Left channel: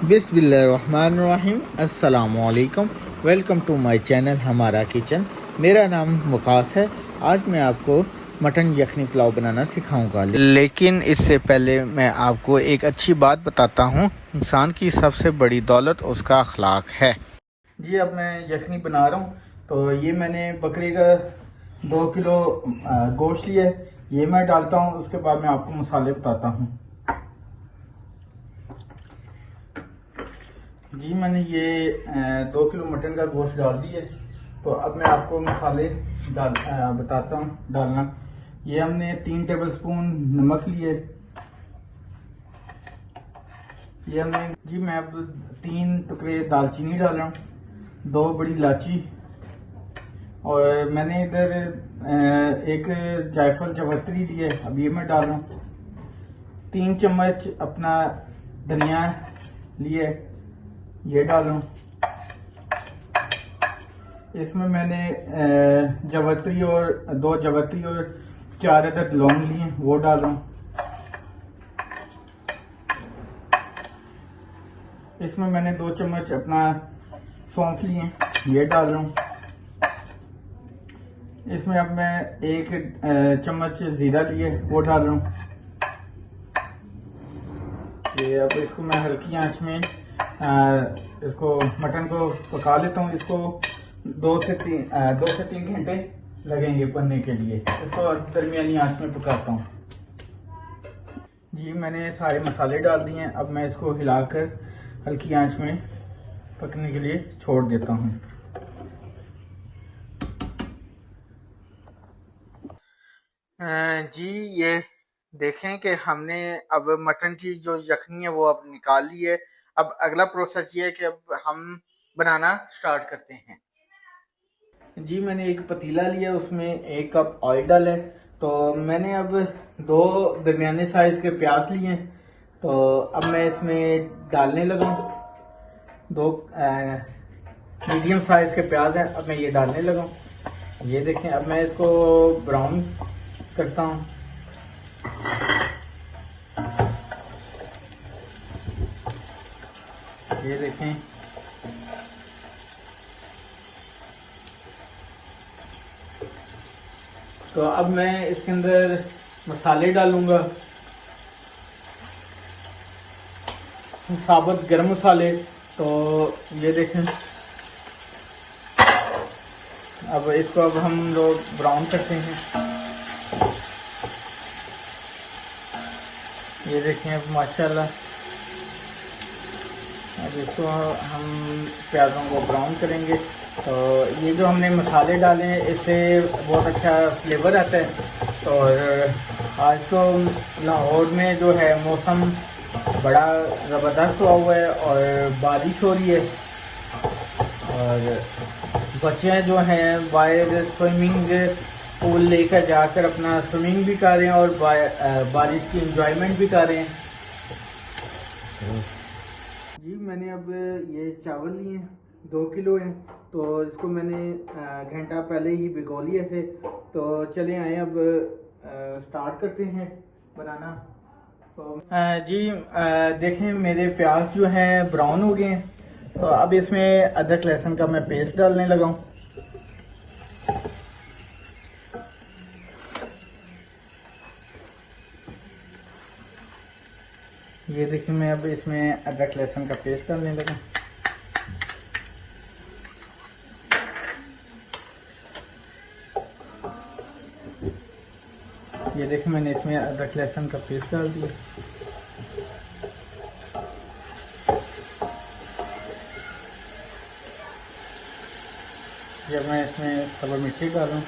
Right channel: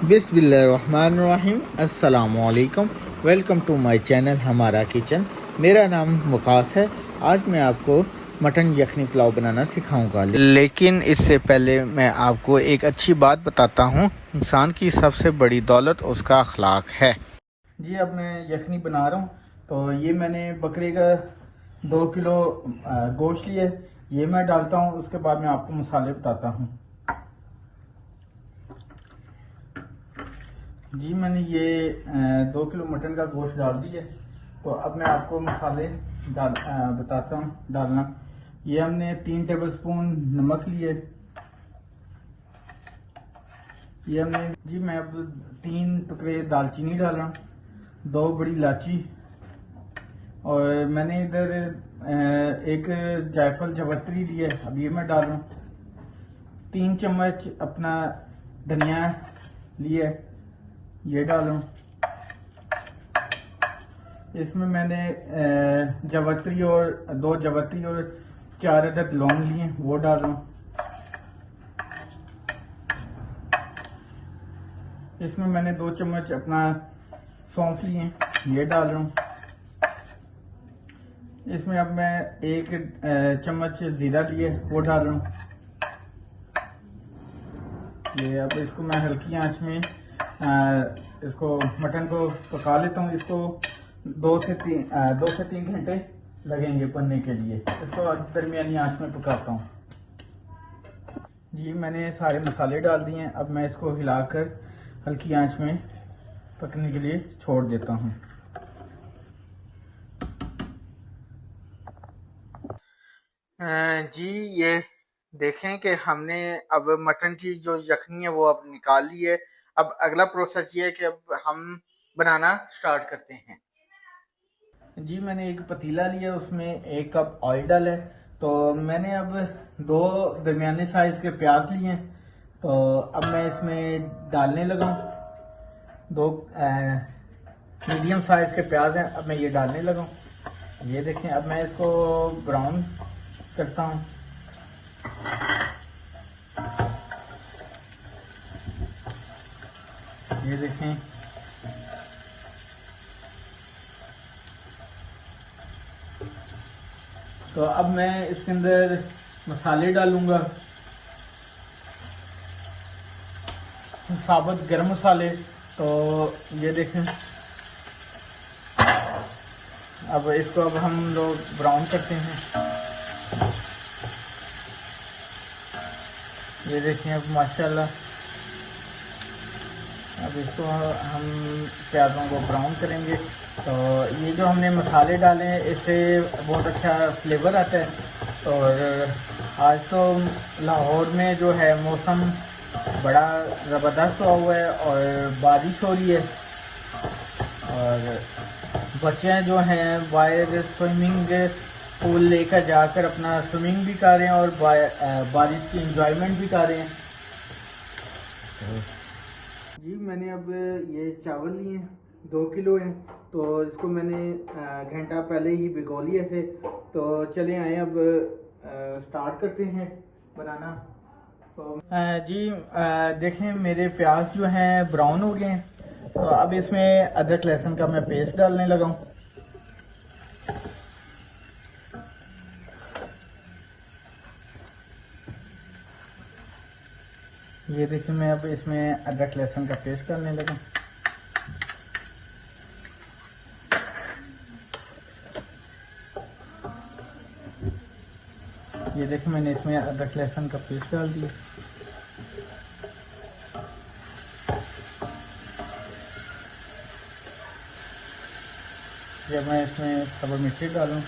बिस्मिल्लाहिर्रहमानिर्रहीम। अस्सलामुअलैकुम। Welcome to my channel हमारा किचन। मेरा नाम वकास है। आज मैं आपको मटन यखनी पुलाव बनाना सिखाऊंगा, लेकिन इससे पहले मैं आपको एक अच्छी बात बताता हूँ। इंसान की सबसे बड़ी दौलत उसका अखलाक है। जी, अब मैं यखनी बना रहा हूँ। तो ये मैंने बकरे का 2 किलो गोश्त लिया है। ये मैं डालता हूँ। उसके बाद मैं आपको मसाले बताता हूँ। जी, मैंने ये 2 किलो मटन का गोश्त डाल दिया। तो अब मैं आपको मसाले बताता हूँ डालना। ये हमने 3 टेबलस्पून नमक लिए। ये हमने जी मैं अब 3 टुकड़े दालचीनी डाल रहा हूँ, 2 बड़ी इलायची, और मैंने इधर एक जायफल जवत्री ली है, अब ये मैं डाल रहा हूँ। 3 चम्मच अपना धनिया लिए, ये डाल रहा हूँ। इसमें मैंने जवत्री और 2 जवत्री और 4 अदद लौंग लिए, वो डाल रहा हूँ। इसमें मैंने 2 चम्मच अपना सौंफ लिए, ये डाल रहा हूँ। इसमें अब मैं 1 चम्मच जीरा लिए, वो डाल रहा हूँ। ये अब इसको मैं हल्की आंच में इसको मटन को पका लेता हूँ। इसको 2 से 3 घंटे लगेंगे बनने के लिए। इसको दरमियानी आंच में पकाता हूँ। जी, मैंने सारे मसाले डाल दिए हैं। अब मैं इसको हिलाकर हल्की आंच में पकने के लिए छोड़ देता हूँ। जी, ये देखें कि हमने अब मटन की जो यखनी है वो अब निकाल ली है। अब अगला प्रोसेस ये है कि अब हम बनाना स्टार्ट करते हैं। जी, मैंने एक पतीला लिया, उसमें 1 कप ऑयल डाला है। तो मैंने अब 2 दरमियाने साइज के प्याज लिए। तो अब मैं इसमें डालने लगा। 2 मीडियम साइज के प्याज हैं, अब मैं ये डालने लगा। ये देखें, अब मैं इसको ब्राउन करता हूँ। ये देखें, तो अब मैं इसके अंदर मसाले डालूंगा। साबुत गरम मसाले, तो ये देखें। अब इसको अब हम लोग ब्राउन करते हैं। ये देखें माशाल्लाह। अब इसको हम प्याजों को ब्राउन करेंगे। तो ये जो हमने मसाले डाले हैं, इससे बहुत अच्छा फ्लेवर आता है। और आज तो लाहौर में जो है मौसम बड़ा ज़बरदस्त हुआ है और बारिश हो रही है। और बच्चे जो हैं बाहर स्विमिंग पूल लेकर जाकर अपना स्विमिंग भी कर रहे हैं और बारिश की एंजॉयमेंट भी कर रहे हैं। जी, मैंने अब ये चावल लिए 2 किलो हैं। तो इसको मैंने घंटा पहले ही भिगो लिए थे। तो चले आए, अब स्टार्ट करते हैं बनाना। तो जी देखें, मेरे प्याज जो है ब्राउन हो गए हैं। तो अब इसमें अदरक लहसुन का मैं पेस्ट डालने लगा हूँ। ये देखिए, मैं अब इसमें अदरक लहसुन का पेस्ट डालने लगा। ये देखिए, मैंने इसमें अदरक लहसुन का पेस्ट डाल दिया। जब मैं इसमें कबर मिर्ची डालूँ,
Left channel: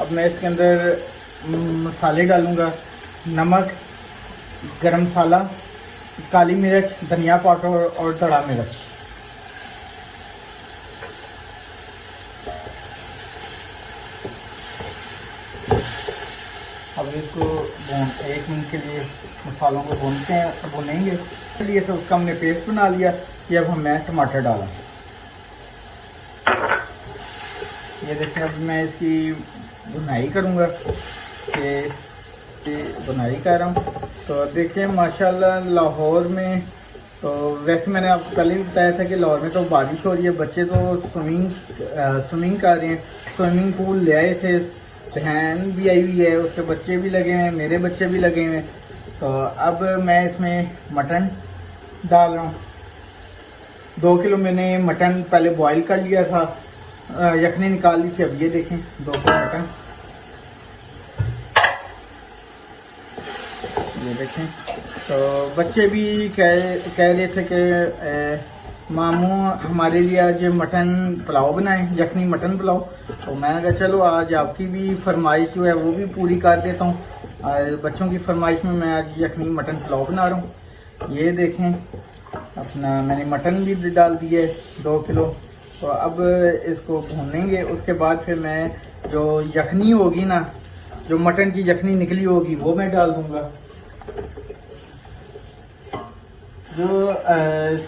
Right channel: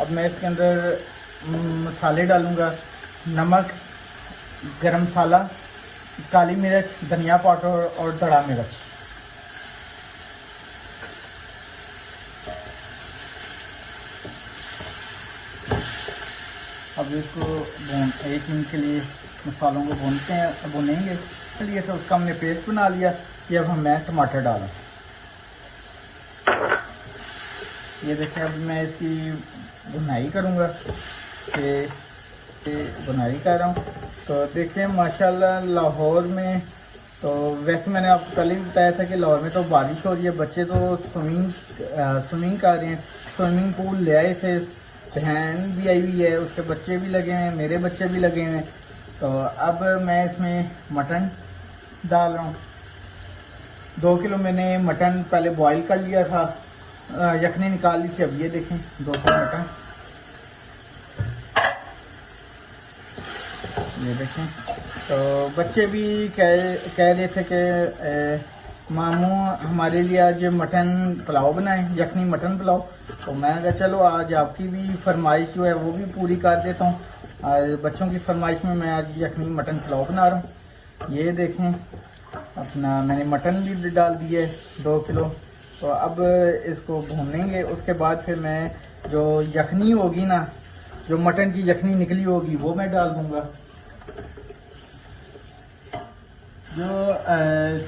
अब मैं इसके अंदर मसाले डालूंगा। नमक, गरम मसाला, काली मिर्च, धनिया पाउडर और धड़ा मिर्च। अब इसको 1 मिनट के लिए मसालों को भूनते हैं, तो भूनेंगे इसलिए तो उसका हमने पेस्ट बना लिया कि अब हमें टमाटर डालें। ये देखिए, अब मैं इसकी भुनाई करूँगा कि की बुनाई कर रहा हूँ। तो देखिए माशाल्लाह लाहौर में, तो वैसे मैंने आपको कल ही बताया था कि लाहौर में तो बारिश हो रही है, बच्चे तो स्विमिंग कर रहे हैं। स्विमिंग पूल ले आए थे, बहन भी आई हुई है, उसके बच्चे भी लगे हैं, मेरे बच्चे भी लगे हैं। तो अब मैं इसमें मटन डाल रहा हूँ। 2 किलो मैंने मटन पहले बॉईल कर लिया था, यखनी निकाल ली थी। अब ये देखें 2 किलो मटन, ये देखें। तो बच्चे भी कह रहे थे कि मामू हमारे लिए आज मटन पुलाव बनाएं, यखनी मटन पुलाव। तो मैंने कहा चलो आज आपकी भी फरमाइश जो है वो भी पूरी कर देता हूँ। बच्चों की फरमाइश में मैं आज यखनी मटन पुलाव बना रहा हूँ। ये देखें अपना मैंने मटन भी डाल दिया है 2 किलो। तो अब इसको भूनेंगे, उसके बाद फिर मैं जो यखनी होगी ना, जो मटन की यखनी निकली होगी वो मैं डाल दूंगा। जो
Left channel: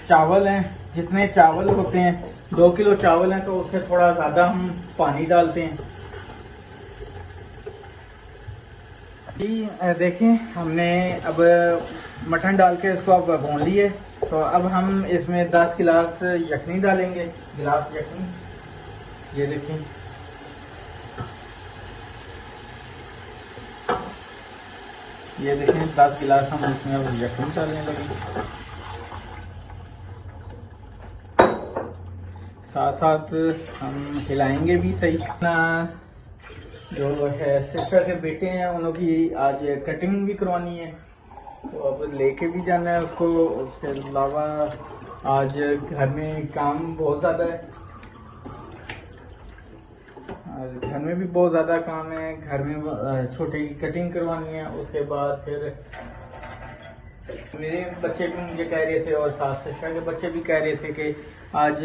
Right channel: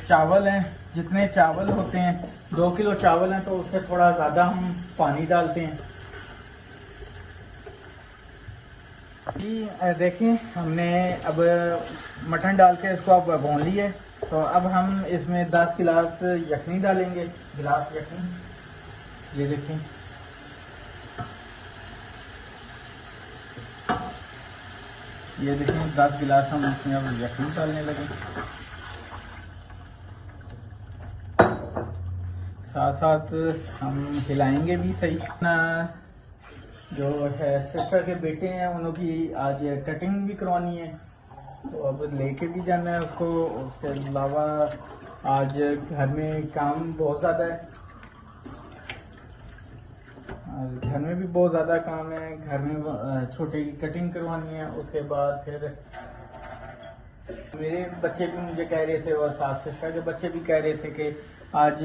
चावल हैं, जितने चावल होते हैं, 2 किलो चावल हैं तो उससे थोड़ा ज़्यादा हम पानी डालते हैं। देखें हमने अब मटन डाल के इसको अब भून लिए। तो अब हम इसमें 10 गिलास यखनी डालेंगे, गिलास यखनी। ये देखें, ये देखें 10 गिलास हम इसमें अब यखनी डालने लगे। साथ साथ हम हिलाएंगे भी सही। जो है सिस्टर के बेटे हैं, उनकी आज कटिंग भी करवानी है और लेके भी जाना है उसको। उसके अलावा आज घर में काम बहुत ज़्यादा है, घर में भी बहुत ज़्यादा काम है। घर में छोटी की कटिंग करवानी है। उसके बाद फिर मेरे बच्चे भी मुझे कह रहे थे और साथ सिस्टर के बच्चे भी कह रहे थे कि आज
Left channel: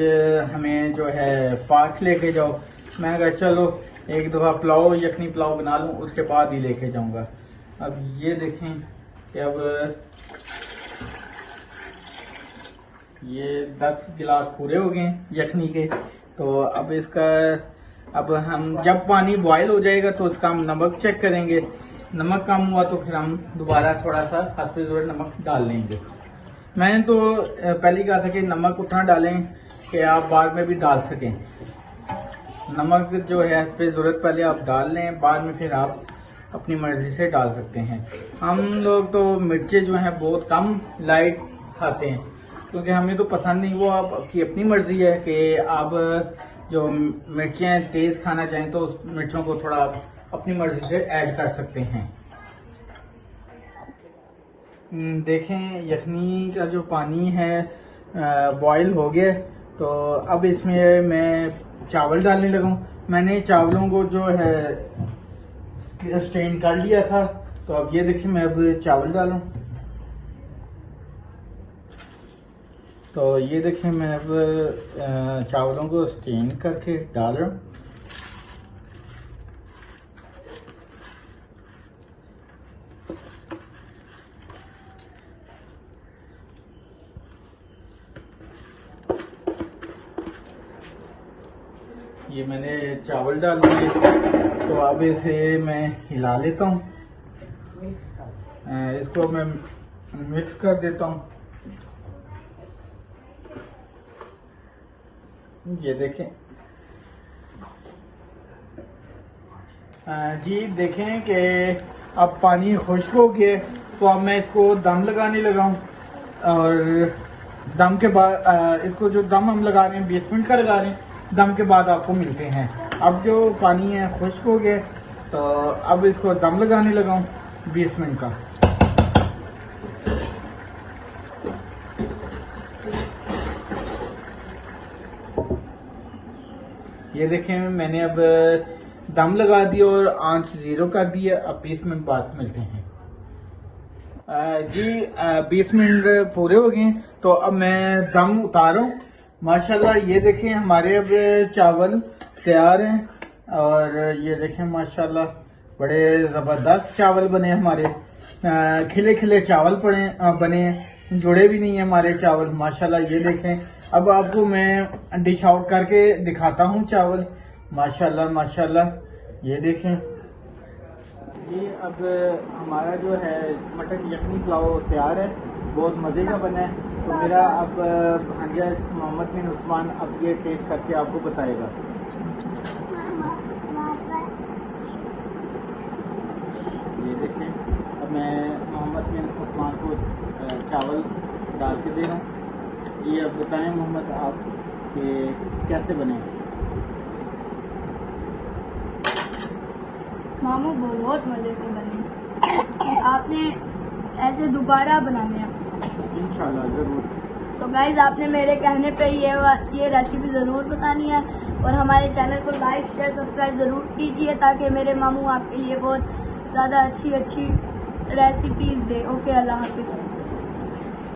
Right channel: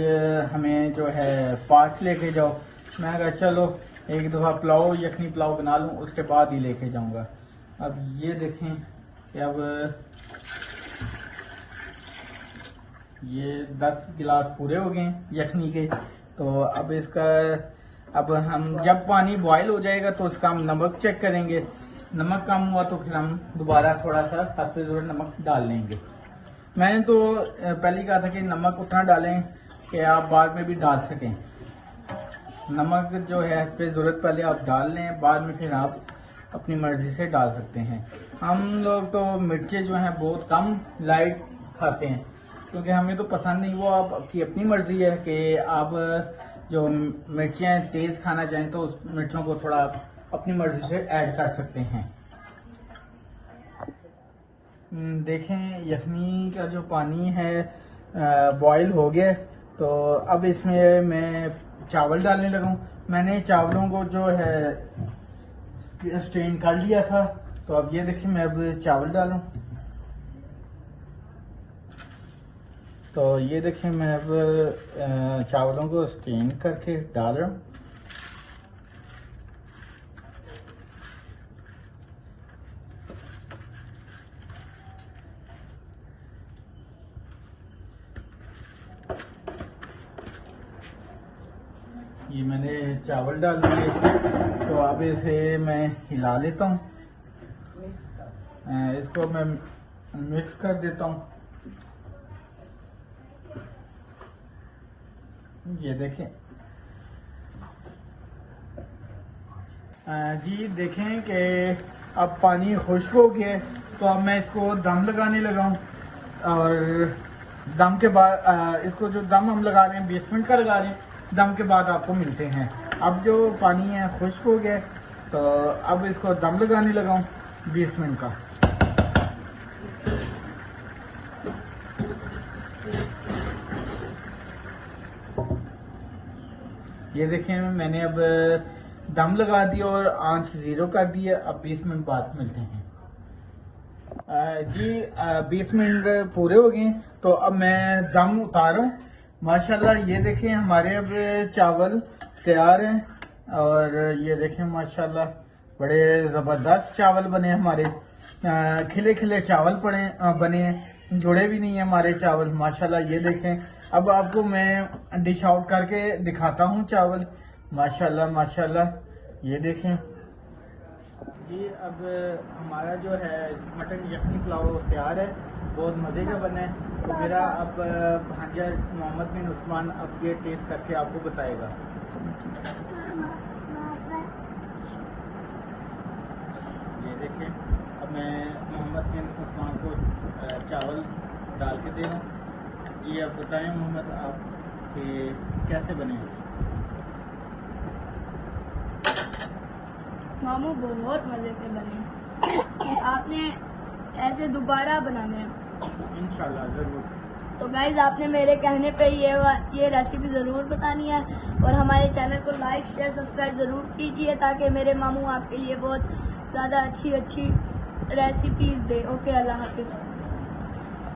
हमें जो है पार्क लेके जाओ। मैं कहा चलो एक दफ़ा पुलाव यखनी पुलाव बना लूँ, उसके बाद ही लेके जाऊँगा। अब ये देखें कि अब ये 10 गिलास पूरे हो गए यखनी के। तो अब इसका हम जब पानी बॉयल हो जाएगा तो उसका हम नमक चेक करेंगे। नमक कम हुआ तो फिर हम दोबारा थोड़ा सा हल्के जोर नमक डाल लेंगे। मैंने तो पहले कहा था कि नमक उतना डालें कि आप बाद में भी डाल सकें। नमक जो है इस पर ज़रूरत पहले आप डाल लें, बाद में फिर आप अपनी मर्ज़ी से डाल सकते हैं। हम लोग तो मिर्चें जो हैं बहुत कम लाइट खाते हैं, क्योंकि हमें तो पसंद नहीं। वो आपकी अपनी मर्ज़ी है कि आप जो मिर्चें तेज़ खाना चाहें तो उस मिर्चों को थोड़ा अपनी मर्ज़ी से ऐड कर सकते हैं। देखें यखनी का जो पानी है बॉयल हो गया। तो अब इसमें मैं चावल डालने लगा। मैंने चावलों को जो है स्टेन कर लिया था। तो अब ये देखिए मैं अब चावल डालूं। तो ये देखिए मैं अब चावलों को स्टेन करके डाल रहा हूँ। ये मैंने चावल डाल दिए। तो अब इसे मैं हिला लेता हूँ, इसको मैं मिक्स कर देता हूँ। ये देखें जी, देखें कि अब पानी खुश्क हो गया। तो अब मैं इसको दम लगाने लगा हूँ। और दम के बाद इसको जो दम हम लगा रहे हैं 20 मिनट का लगा रहे हैं। दम के बाद आपको मिलते हैं। अब जो पानी है खुश्क हो गया। तो अब इसको दम लगाने लगा हूँ 20 मिनट का। ये देखें मैंने अब दम लगा दिया और आंच 0 कर दिया। अब 20 मिनट बाद मिलते हैं। जी 20 मिनट पूरे हो गए। तो अब मैं दम उतारा हूँ। माशाल्लाह ये देखें हमारे अब चावल तैयार हैं। और ये देखें माशाल्लाह बड़े ज़बरदस्त चावल बने हमारे। खिले खिले चावल बने हैं, जुड़े भी नहीं है हमारे चावल माशाल्लाह। ये देखें अब आपको मैं डिश आउट करके दिखाता हूँ चावल। माशाल्लाह माशाल्लाह ये देखें जी अब हमारा जो है मटन यखनी पुलाव तैयार है, बहुत मज़े का बना है। तो मेरा अब भांजा मोहम्मद बिन उस्मान अब ये टेस्ट करके आपको बताएगा। ये देखें, अब मैं मोहम्मद बिन उस्मान को चावल डाल के दे रहा हूँ। जी अब बताएं मोहम्मद आप कि कैसे बने। मामू बहुत मज़े से बने, आपने ऐसे दोबारा बनाने हैं इंशाल्लाह ज़रूर। तो गाइस आपने मेरे कहने पे ये रेसिपी ज़रूर बतानी है और हमारे चैनल को लाइक शेयर सब्सक्राइब ज़रूर कीजिए ताकि मेरे मामू आपके लिए बहुत ज़्यादा अच्छी रेसिपीज़ दे। ओके, अल्लाह हाफ़िज़।